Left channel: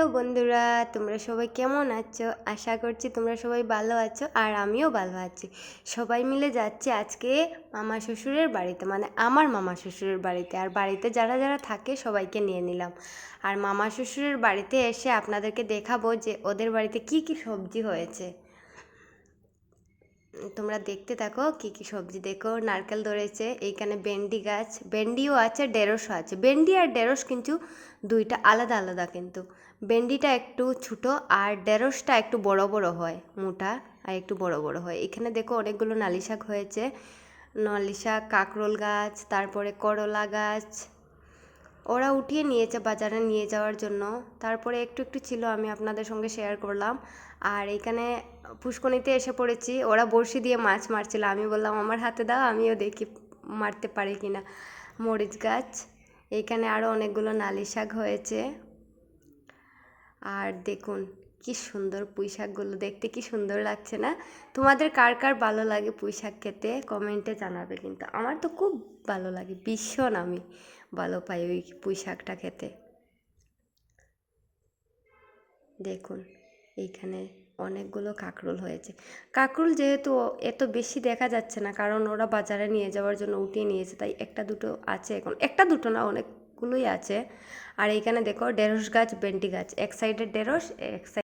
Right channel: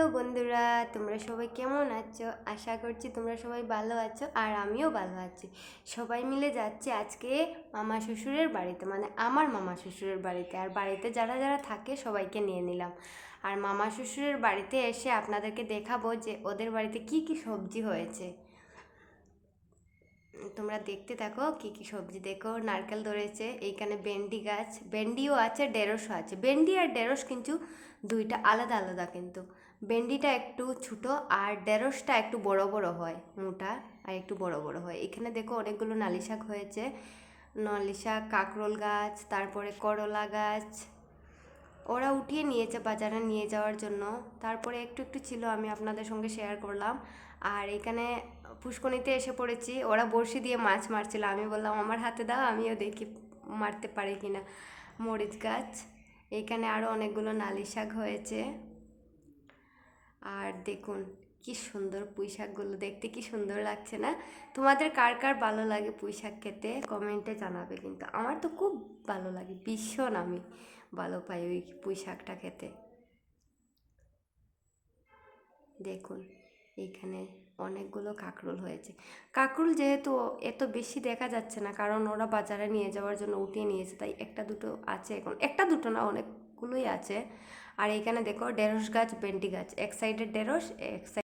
Hello বন্ধুরা, তোমরা সবাই কেমন আছো? আশা করছি তোমরা সবাই ভালো আছো আর আমিও ভালো আছি। সবাই মিলে যাচ্ছি আজকে মামা শ্বশুরের বাড়িতে, মানে আমার মামা শ্বশুরের বাড়িতে। আর বাড়িতে যারা যারা থাকে সবাইকে নিয়ে নিলাম। আর মামা শ্বশুরের বাড়িতে এসে আপনাদেরকে দেখাবো যে ওদের বাড়িতে কি কি সবজি হয়েছে। তোমরা দেখতে থাকো কি কি সবজি। দেখো, নারকেল ধরেছে, এইখানে ভেন্ডি গাছ, ভেন্ডিও আছে, ঢেঁড়সও আছে। ভেন্ডি আর ঢেঁড়স কিন্তু দুইটা আলাদা আলাদা, কিন্তু ভেন্ডিটা একটু ছোটো আর ঢেঁড়সটা একটু বড় বড় হয়, মোটা আর একটু বড় বড় হয়। এখানে দেখো অনেকগুলো নালি শাক হয়েছে, নালি শাক, কাঁকরোল গাছ, তারপরে করলা গাছ। ওরা উঠিয়ে নিয়েছে বাজারে নিয়ে যাওয়ার জন্য। তারপরে একটু একটু ছিল, আমি আপনাদের সঙ্গে শেয়ার করলাম। আর এখানে পুষ্কনিতে এসে পড়েছি, ওরা বড়শি দিয়ে মাছ মারছিল। আমি বললাম আমার হাতে দাও, আমিও দেখি মারতে পারি কিনা। মরিচ গাছ, এইখানে আরও অনেকগুলো নালি শাক হয়েছে। আর দেখুন কি সুন্দর পুঁই শাকগুলো, দেখতে কি সুন্দর লাগছে না? তোমাদের কার কার ভালো লাগে পুঁই শাক খেতে কমেন্টে জানাবে। কিন্তু আমার তো খুব ভালো লাগে, ভীষণ আমি ভালো পাই ওই পুঁই শাকটা খেতে। দেখুন এইখানে অনেকগুলো কাঁকরোল হয়েছে। কাঁকরোল যেহেতু এত বেশি দেখা যাচ্ছে না, কারণ ওরা বাজারে নিয়ে যাওয়ার জন্য উঠিয়ে নিয়েছে, তাই একটা দুটো আছে এখন, একটা দুটো না অনেকগুলোই আছে। আর এইখানে দেখো ঢেঁড়স গাছ, ভেন্ডি গাছ, এক সাইডে ঢেঁড়স, এক সাইড